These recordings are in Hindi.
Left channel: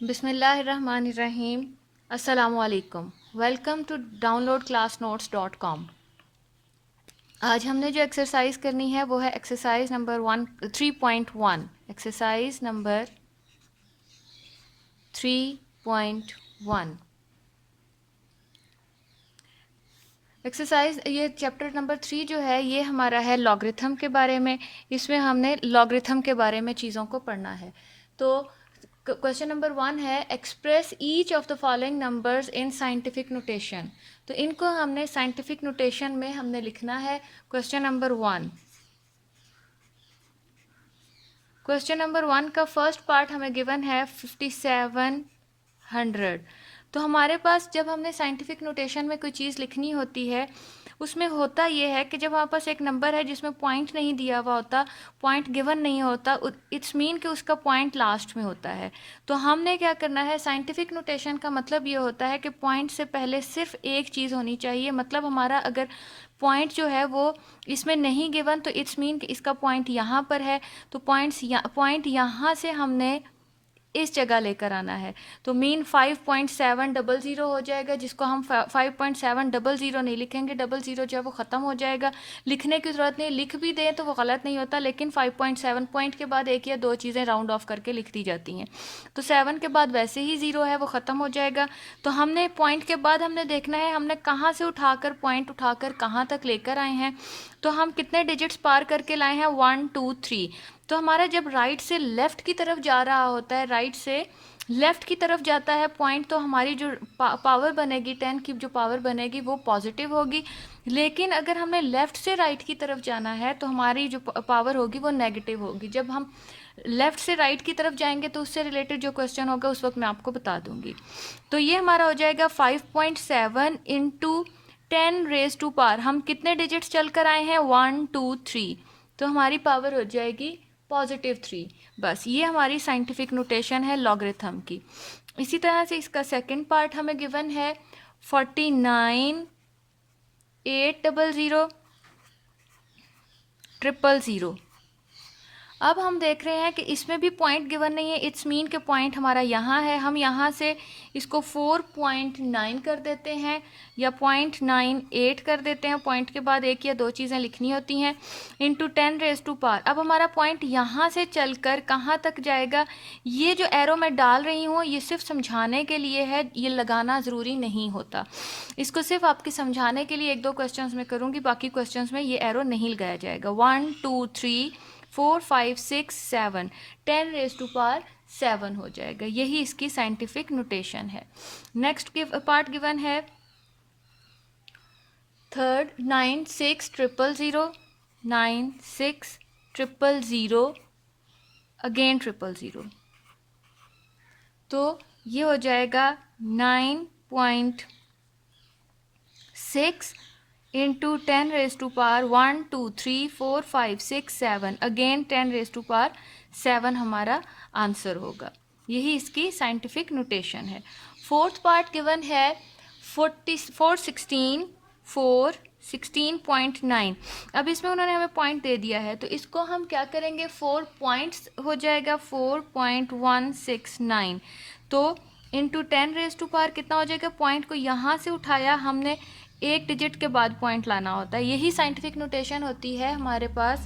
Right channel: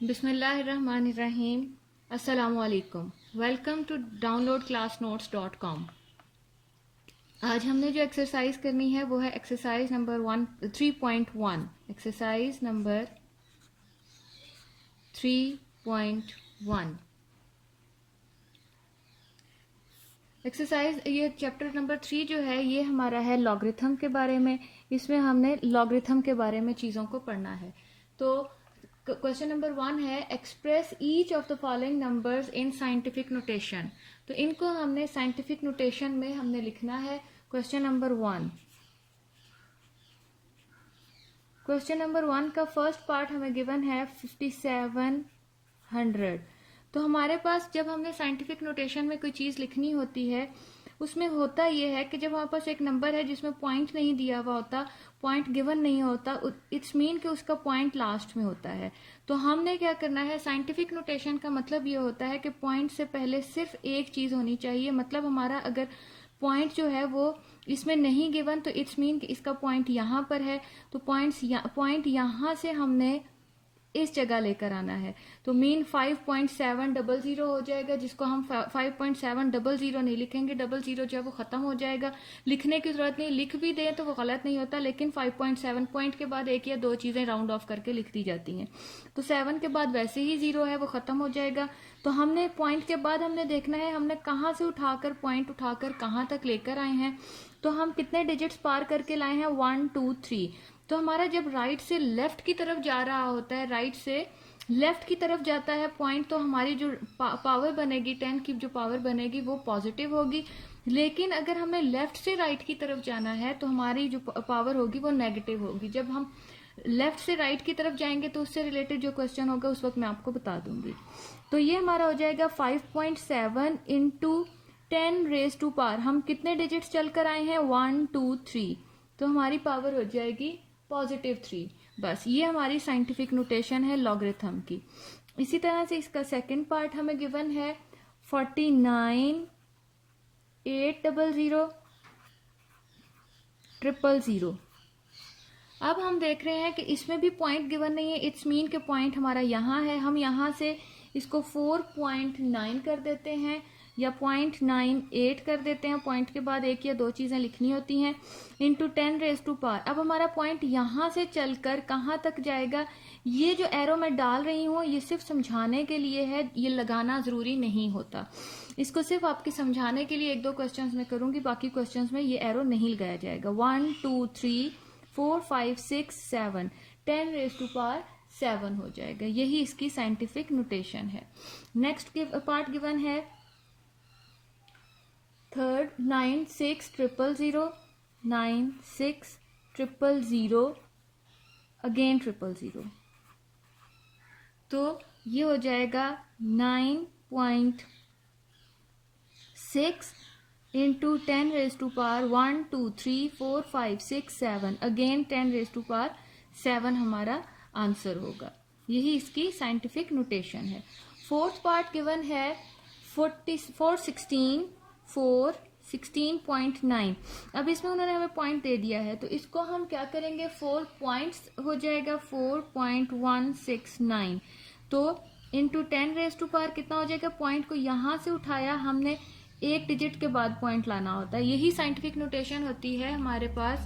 बिस्मिल्लाहिर्रहमानिर्रहीम। अस्सलामुअलैकुम। Welcome to downloadclassnotes.com। आज हमने जो एक्सरसाइज करनी है वो है exercise number 3.1। Exercise number 3.1। Exercise ये चैप्टर नंबर 3 जो है ये हमारा है लॉगरिथम के बारे में। इसमें हमने लॉगरिथम के बारे में चीज़ों को पढ़ना है। तो क्वेश्चन नंबर 1 है express each of the following numbers in scientific notation. तो इनको हमने साइंटिफिक नोटेशन में हमने लिखना है। क्वेश्चन नंबर 1, क्वेश्चन नंबर 1 का फर्स्ट पार्ट हमें गिवन है 5700। तो हमारे पास जब हमने साइंटिफिक नोटेशन में कोई चीज़ लिखनी होती है उसमें होता ये है कि जब हमारे पास एक नंबर है जिसमें पॉइंट नहीं दिया हुआ होता, पॉइंट गिवन नहीं होता, इट्स मीन कि उसका पॉइंट लास्ट में होता है। तो हमने क्या करना है, साइंटिफिक नोटेशन का मतलब ये होता है कि पॉइंट से पहले सिर्फ एक चीज़ होनी चाहिए। मतलब हमारा अगर पॉइंट जो है वो इसमें नहीं गिवन तो इट्स मीन कि इसका पॉइंट यहाँ पर है। तो पॉइंट यहाँ से हमने इस जगह लेकर आना है। तो मीन 5.700 हो जाएगा, जिसको हम 5.700 नहीं लिखेंगे, 00 जो है वो ख़त्म हो जाएगा। लिखने की ज़रूरत नहीं, लिख भी दें तो वो गलत नहीं होता, लेकिन 5.7 पॉइंट के बाद एक या दो चीज़ें राउंड ऑफ करके लिख दी जाती हैं। तो 7 के बाद वैसे ही 0 है, वो ख़त्म हो जाएगा। तो हमने पॉइंट के बाद हमने देखना है हमने कहाँ से उठाकर पॉइंट उठाकर कहाँ तक लेकर आए हैं। तो हम कितने डिजिट्स पार करके लाए हैं, 1 2 3। तो हमारा जब राइट से लेफ़्ट की तरफ जा रहा होता है, राइट से लेफ़्ट की तरफ जाता है पॉइंट, तो हमारी जो पावर बनेगी 10 की जो पावर बनेगी वो पॉजिटिव होगी। लेकिन अगर हमें लेफ़्ट से राइट की तरफ जाना है तो हमारी जो पावर होगी वो नेगेटिव होगी। जब हम लेफ़्ट से राइट की तरफ जाएंगे तो उससे रिलेटेड जो क्वेश्चन होगा उस वक्त मैं आपको बता दूंगी। तो ये हमारा हो जाएगा 5.7 इंटू 10⁻⁴। हम कितने डिजिट्स चल कर आए हैं, 1 2 3। तो हमारी पावर हो जाएगी +3। बस ये हमारी साइंटिफिक नोटेशन है लॉगरिथम की। इसी तरह से इसका सेकंड पार्ट हमें गिवन है 49,800,000,000। अब हम देख रहे हैं कि इसमें भी पॉइंट गिवन नहीं है, इट्स मीन के पॉइंट हमारा यहाँ है। हम यहाँ से इसको 4.9 कर देते हैं या 0.98 कर देते हैं। पॉइंट के बाद एक या दो चीज़ें लिखनी होती हैं, इंटू 10⁻⁴। अब हमारा पॉइंट यहाँ से चलकर कहाँ तक जाएगा, ये जो एरो मैं डाल रही हूँ ये सिर्फ समझाने के लिए है, ये लगाना ज़रूरी नहीं होता। इसको सिर्फ आपके समझाने के लिए एक दो क्वेश्चंस में करूँगी, बाकी क्वेश्चंस में ये एरो नहीं लगाया जाएगा। 1 2 3 4 5 6 7 10⁻⁷ हो जाएगा। यही इसकी साइंटिफिक नोटेशन है। नेक्स्ट पार्ट गिवन है थर्ड 96,000,000, 96,000,000 अगेन 000। तो ये हो जाएगा 9.6 इंटू 10⁻⁴ 1 2 3 4 5 6 7 अगेन 10⁻⁷ हमारा आंसर होगा। यही इसकी साइंटिफिक नोटेशन है। फोर्थ पार्ट गिवन है 416.9। अब इसमें उन्होंने हमें पॉइंट दे दिया है तो इसको हम क्या करेंगे, 4 पॉइंट्स हो जाएगा 4.169। तो इंटू 10⁻⁴ कितना हो जाएगा, पॉइंट को यहाँ से उठाया हमने, एक डिजिट के बाद पॉइंट लाना होता है। यही साइंटिफिक नोटेशन होती है हमारे पास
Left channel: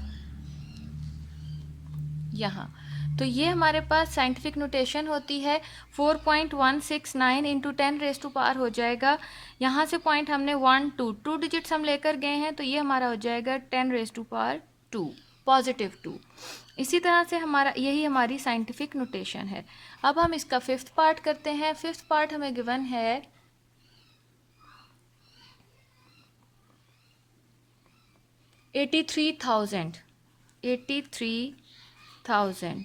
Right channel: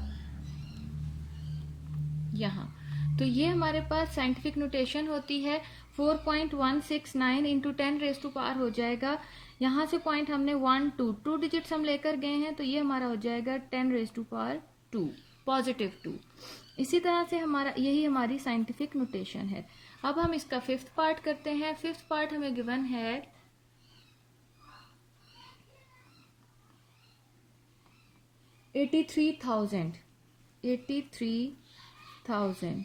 यहाँ। तो ये हमारे पास साइंटिफिक नोटेशन होती है 4.169 इंटू 10⁻⁴ हो जाएगा। यहाँ से पॉइंट हमने 1 2 2 डिजिट्स हम लेकर गए हैं, तो ये हमारा हो जाएगा 10⁻², +2। इसी तरह से हमारा यही हमारी साइंटिफिक नोटेशन है। अब हम इसका फिफ्थ पार्ट करते हैं। फिफ्थ पार्ट हमें गिवन है 83,000। 83,000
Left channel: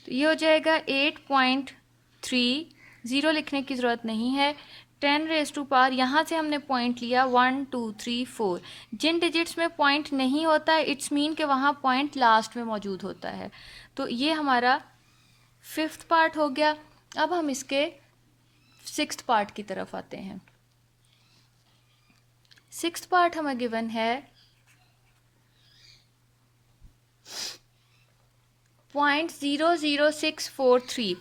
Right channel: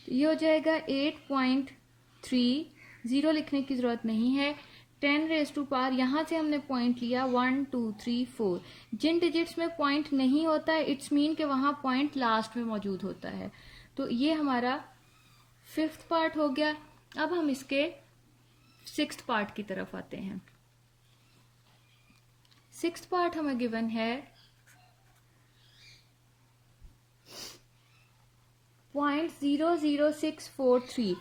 तो ये हो जाएगा 8.3। ज़ीरो लिखने की ज़रूरत नहीं है। 10⁻⁴ यहाँ से हमने पॉइंट लिया 1 2 3 4। जिन डिजिट्स में पॉइंट नहीं होता है इट्स मीन कि वहाँ पॉइंट लास्ट में मौजूद होता है। तो ये हमारा फिफ्थ पार्ट हो गया। अब हम इसके सिक्स्थ पार्ट की तरफ आते हैं। सिक्स्थ पार्ट हमें गिवन है 0.00643,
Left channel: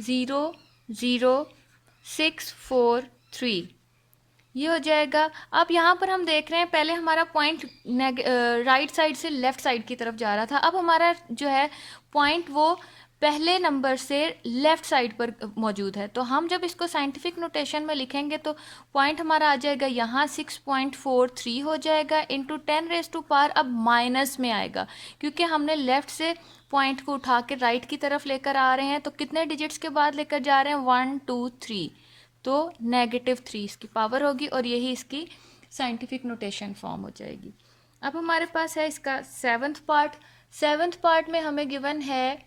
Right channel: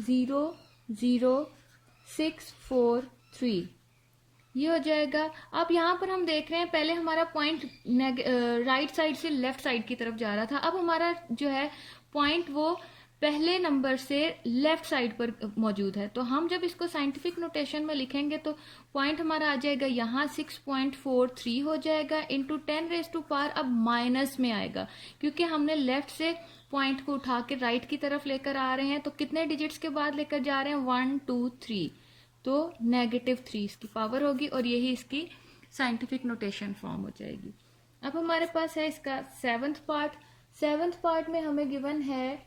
0.00643 ये हो जाएगा। अब यहाँ पर हम देख रहे हैं पहले हमारा पॉइंट राइट साइड से लेफ्ट साइड की तरफ जा रहा था, अब हमारा जो है पॉइंट वो पहले नंबर से लेफ्ट साइड पर मौजूद है। तो हम जब इसको साइंटिफिक नोटेशन में लिखेंगे तो पॉइंट हमारा आ जाएगा यहाँ 6.43 हो जाएगा इंटू 10⁻⁴ अब माइनस में आएगा क्योंकि हमने लेफ्ट से पॉइंट को उठा के राइट की तरफ लेकर आ रहे हैं। तो कितने डिजिट्स के बाद लेकर जा रहे हैं, 1 2 3, तो -3 इसकी पावर होगी और यही इसकी साइंटिफिक नोटेशन फॉर्म हो जाएगी। अब हमारे पास है इसका सेवन्थ पार्ट। सेवन्थ पार्ट में हमें गिवन है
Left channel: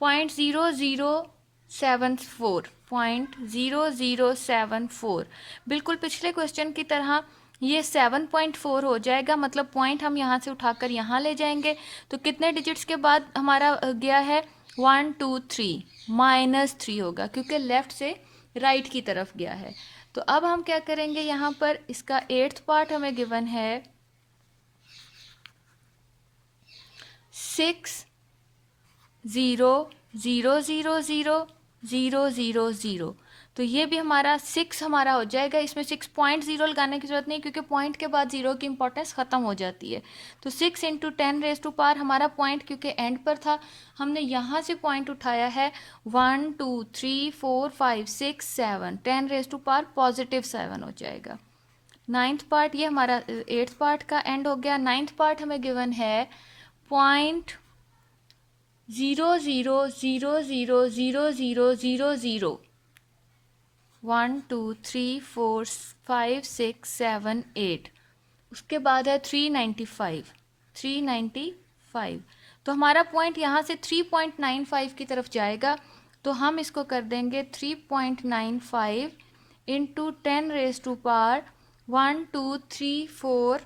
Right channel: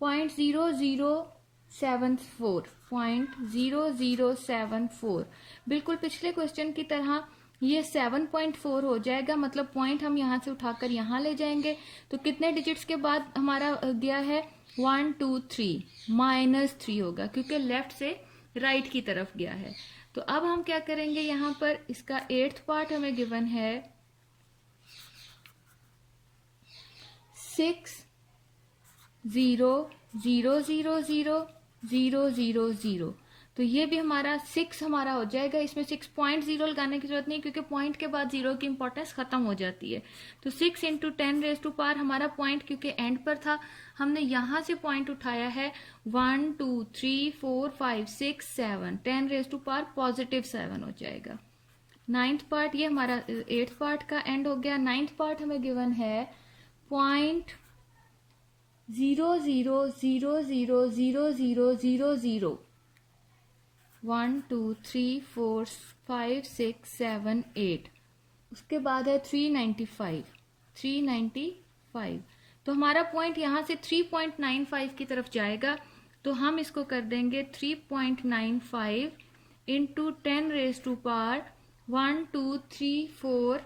0.0074, 0.0074 बिल्कुल पिछले क्वेश्चन की तरह ये 7.4 हो जाएगा, मतलब पॉइंट हम यहाँ से उठाकर यहाँ ले जाएंगे। तो कितने डिजिट्स के बाद हमारा गया है, 1 2 3, -3 होगा क्योंकि लेफ्ट से राइट की तरफ गया है। तो अब हम क्या करेंगे, यहाँ पर इसका 8th पार्ट हमें गिवन है 6,0,0,0,0,0,0, तो ये भी हमारा 6 हमारा हो जाएगा। इसमें 6.0 लगाने की जरूरत नहीं क्योंकि पॉइंट के बाद 0 की इंपॉर्टेंस ख़त्म हो जाती है। तो 6 × 10⁻⁴ हमारा पॉइंट क्योंकि एंड पर था, हमने यहाँ से पॉइंट उठाया है 1 2 3 4 5 6 7, 10⁻⁴ +7 हो जाएगा। 9th पार्ट ये हमारा 8th पार्ट का एंड हो गया। 9th पार्ट हमें गिवन है 0.00000000, 1 2 3 4 5 6 7 8, उसके बाद है 395। तो हमारा पॉइंट यहाँ से 3.95 की तरफ जाएगा। तो हम इसको कर देंगे 3.95 इंटू 10⁻⁴ 1 2 3 4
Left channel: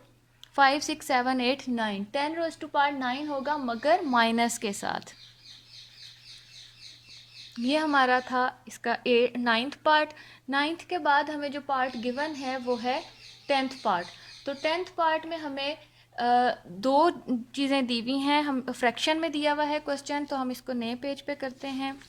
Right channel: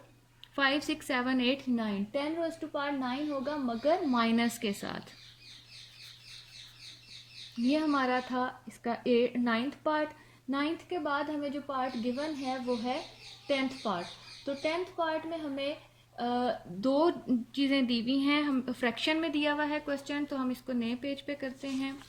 5 6 7 8 9, 10⁻⁹ होगा मगर माइनस के साथ। ये हमारा था इसका 9th पार्ट। 9th के बाद हमें जो पार्ट गिवन है वो है 10th पार्ट। तो 10th पार्ट में हमें दो चीज़ें दी हुई हैं, हम फ्रैक्शन में दिया हुआ है क्वेश्चन, तो हम इसको नए पेज पे करते हैं।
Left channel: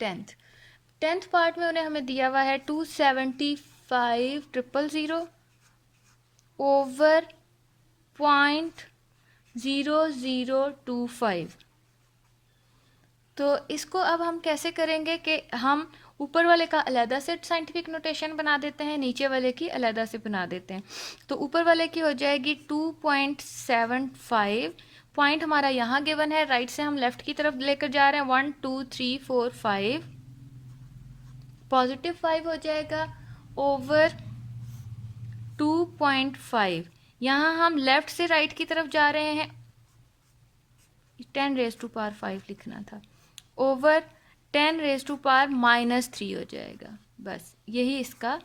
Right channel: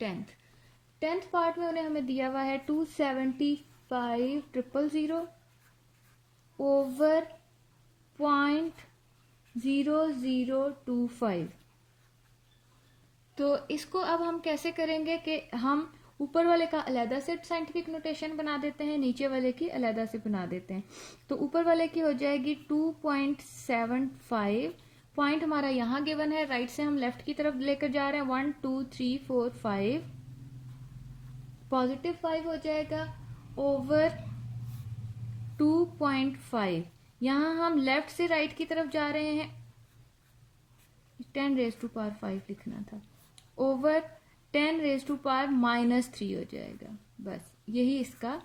10th पार्ट में उन्हें हमें दिया हुआ है 275,000 ओवर 0.0025। तो इसको अब हम कैसे करेंगे कि हम ऊपर वाले का अलहदा से साइंटिफिक नोटेशन बना देते हैं, नीचे वाले की अलहदा से बना देते हैं। तो ऊपर वाले की हो जाएगी 2.75, पॉइंट हमारा यहाँ गिवन है, राइट से हम लेफ्ट की तरफ लेकर जा रहे हैं 1 2 3 4 5, +5 हो जाएगा ओवर 2.5। यहाँ हम लेफ्ट से राइट की तरफ जा रहे हैं, 10⁻⁵ लिखना था, ओवर 10⁻⁻³ हो जाएगा। बस यही इसका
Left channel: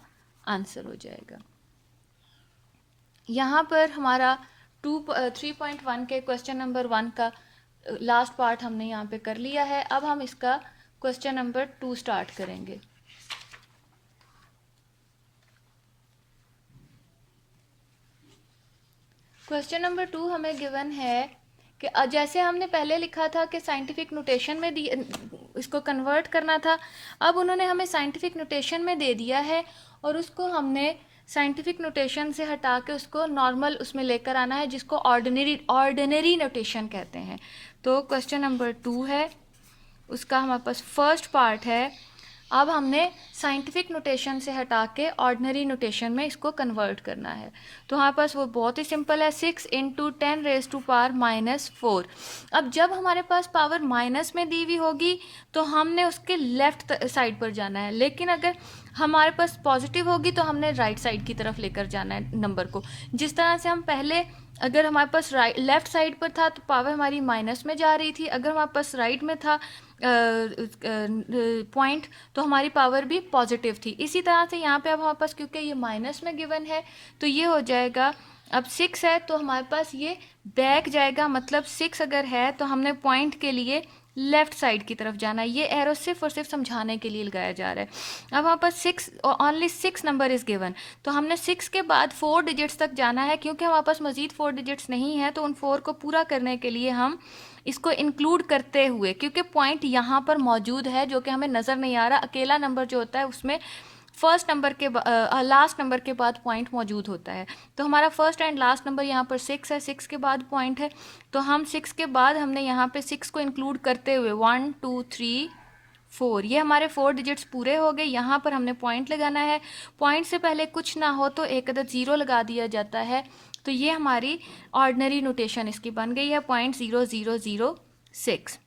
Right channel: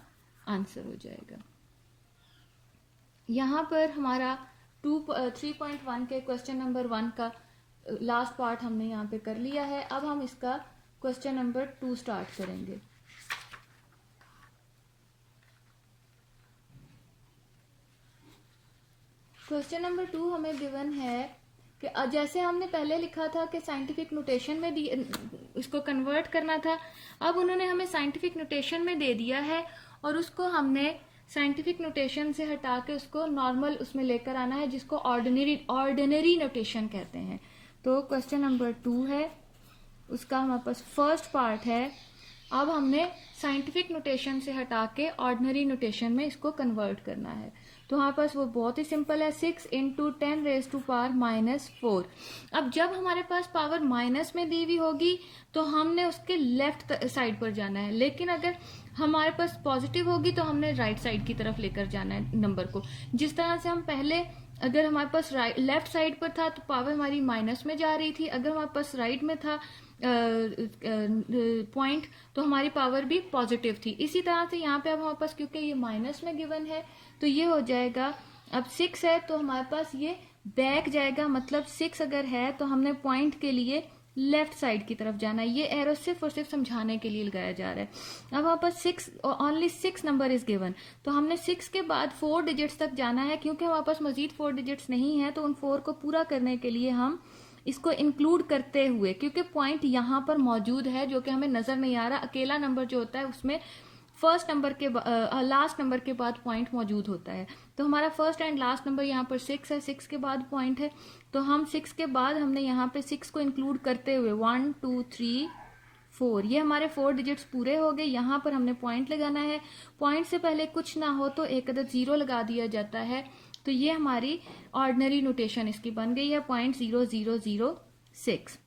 आंसर हो जाएगा। यहाँ पर हमारा 3.1 के क्वेश्चन नंबर 1 का लास्ट पार्ट हमने यहाँ पे कर लिया है। अब हम इसका क्वेश्चन नंबर 2 स्टार्ट करेंगे। क्वेश्चन नंबर 2 हमें गिवन है कि जैसे हमने पहले लिखा था कि साइंटिफिक नोटेशन में इसको कन्वर्ट करना था, अब उन्होंने हमें साइंटिफिक नोटेशन में दे दिया है और उसको हमने साइंटिफिक नोटेशन से हटा के उसको नॉर्मल उसमें लेकर आना है, जिसको ऑर्डिनरी नोटेशन कहते हैं। तो क्वेश्चन नंबर 2 है, उसका हमारे पास फर्स्ट पार्ट है। अब हमने साइंटिफिक नोटेशन से हटा के ऑर्डिनरी नोटेशन में इसको कन्वर्ट करना है। तो हमारे पास वो बहुत ही सिंपल है, 6 × 10⁻⁻⁴। अब जब हमारे पास पावर माइनस में दी हुई होगी तो हमने उसके लेफ्ट साइड पर जाना है, लेकिन अगर हमारे पास पॉजिटिव होगी तो हमने राइट साइड की तरफ लेकर जाना है नंबर को। जिस तरह से हम पहले, अगर हमारे पास लेफ्ट साइड पर था तो पावर हमारी माइनस में जा रही थी, अगर हमारे पास राइट में था पॉइंट तो हमारी पावर भी पॉजिटिव थी। इसी तरह से यहाँ पे अब हमारे पास क्योंकि ये माइनस में गिवन है तो ये हो जाएगा, अब 6 है तो हमारे पास ये बैक जाएगा, मतलब 6 अगर है तो हमने पॉइंट के लिए लेफ्ट साइड की तरफ जाना है। ये एरो सिर्फ और सिर्फ समझाने के लिए लगाया जा रहा है। अब वहाँ पर 6 ओनली 6 नंबर इज़ गिवन, तो हमने 6 के बाद 4 डिजिट्स तक जाना है। क्योंकि हमारे पास मज़ीद 4 डिजिट्स नहीं है तो उन 4 को पूरा करने के लिए हम इसको इंक्लूड करते हुए, क्योंकि पॉइंट यहाँ पर मौजूद है जो कि हमें नज़र नहीं आ रहा, अकेला नंबर जो होता है उसमें फर्स्ट नंबर के लास्ट नंबर के बाद पॉइंट मौजूद होता है। तो हमारा फर्स्ट एंड लास्ट नंबर यहाँ पर 6 है, 6 के बाद पॉइंट है, तो हम 6 के बाद हमने यहाँ पे 6 को इंक्लूड करते हुए 1 2 3 4, ये हमारे 4 डिजिट्स पूरे हो गए। यहाँ पर हमने पॉइंट लगाना है। पॉइंट से पहले कुछ ना हो तो एक अदद ज़ीरो लगा दिया जाता है। तो ये हमारी ऑर्डिनरी नोटेशन इसकी बन गई है 0.0006।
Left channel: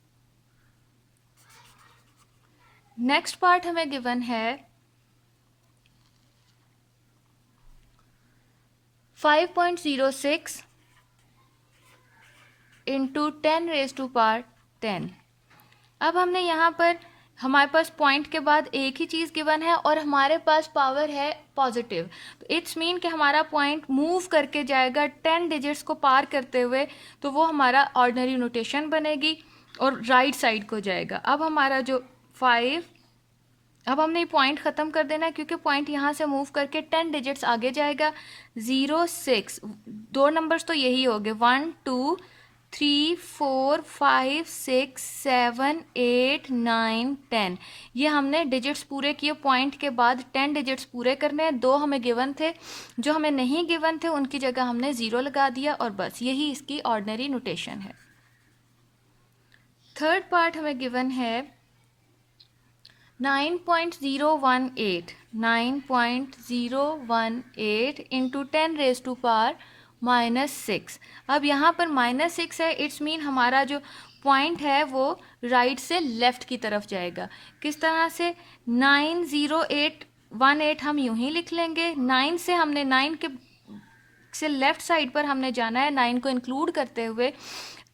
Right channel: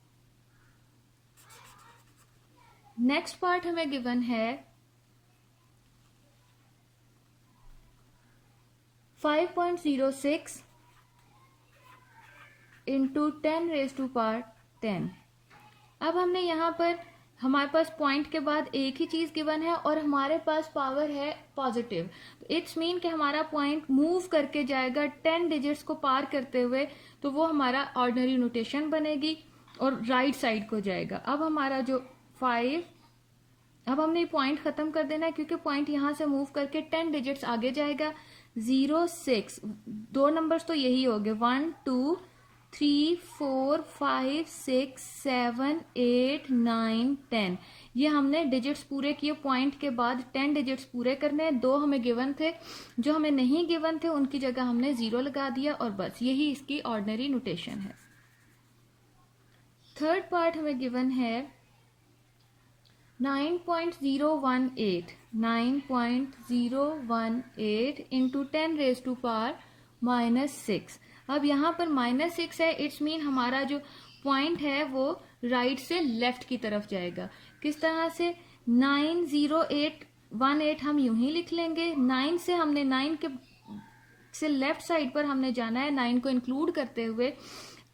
नेक्स्ट पार्ट हमें गिवन है 5.06 इंटू 10⁻10। अब हमने यहाँ पर हमारे पास पॉइंट के बाद एक ही चीज़ गिवन है और हमारे पास पावर है पॉजिटिव, तो इट्स मीन कि हमारा पॉइंट मूव करके जाएगा 10 डिजिट्स को पार करते हुए, तो वो हमारा ऑर्डिनरी नोटेशन बनेगी और राइट साइड को जाएगा। अब हमारा जो 5, अब हमने पॉइंट ख़त्म कर देना है क्योंकि पॉइंट यहाँ से मूव करके 10 डिजिट्स आगे जाएगा। 0 6, दो नंबर्स तो यही हो गए, 1 2 3 4 5 6 7 8 9 10। ये हमने डिजिट्स पूरे किए। पॉइंट के बाद 10 डिजिट्स पूरे करने हैं। 2 हमें गिवन थे, जो हमें नहीं गिवन थे उनकी जगह हमने 0 लगा दिया और बस यही इसकी ऑर्डिनरी नोटेशन है। थर्ड पार्ट हमें गिवन है 9.018 इंटू 10⁻⁻6। अब यहाँ पर -6 है, इट्स मीन हमारा जो पॉइंट है वो राइट से लेफ्ट की तरफ जाएगा। किस तरह से? 90818 हम यूं ही लिख लेंगे। 9 से हमने 9 के से लेफ्ट साइड पर हमने जाना है 9 को इंक्लूड करते हुए,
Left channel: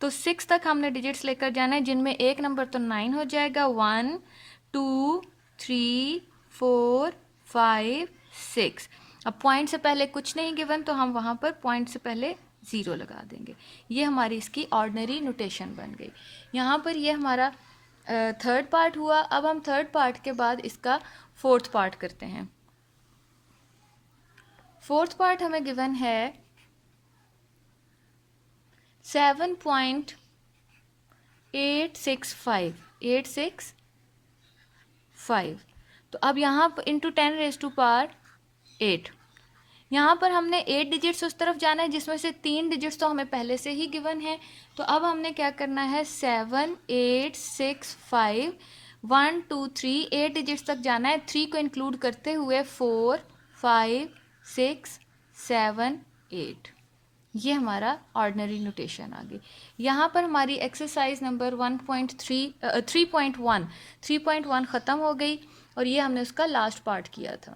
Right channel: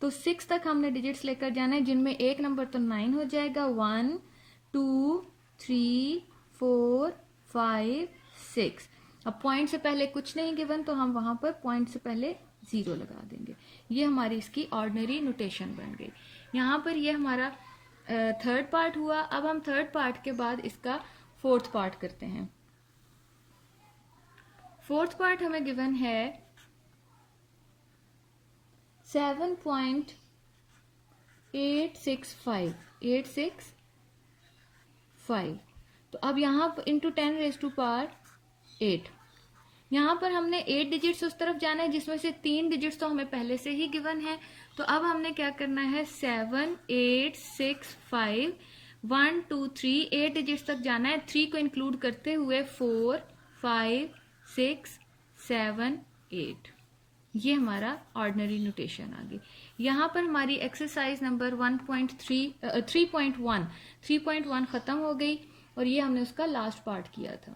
तो 6 तक हमने डिजिट्स लेकर जाना है जिनमें एक नंबर तो 9 हो जाएगा। 1 2 3 4 5 6। अब पॉइंट से पहले कुछ नहीं गिवन तो हम वहाँ पर पॉइंट से पहले 0 लगा देंगे। ये हमारी इसकी ऑर्डिनरी नोटेशन बन गई। यहाँ पर ये हमारा थर्ड पार्ट हुआ। अब हम थर्ड पार्ट के बाद इसका फोर्थ पार्ट करते हैं। फोर्थ पार्ट हमें गिवन है 7.865। तो अब यहाँ पर इंटू 10⁻8, यहाँ पर हमने 8 डिजिट्स उस तरफ जाना है जिसमें से 3 डिजिट्स तो हमें पहले से ही गिवन है। तो अब हमने क्या करना है 7 8 6 5 1 2 3, 8 डिजिट्स तक जाना है। 3 को इंक्लूड करते हुए 4 5 6 7 8। ये हमारा ऑर्डिनरी नोटेशन आ गई। यहाँ पर हमारी एक्सरसाइज नंबर 3.1 ख़त्म हो गई और ये हमने उसका लास्ट पार्ट किया था।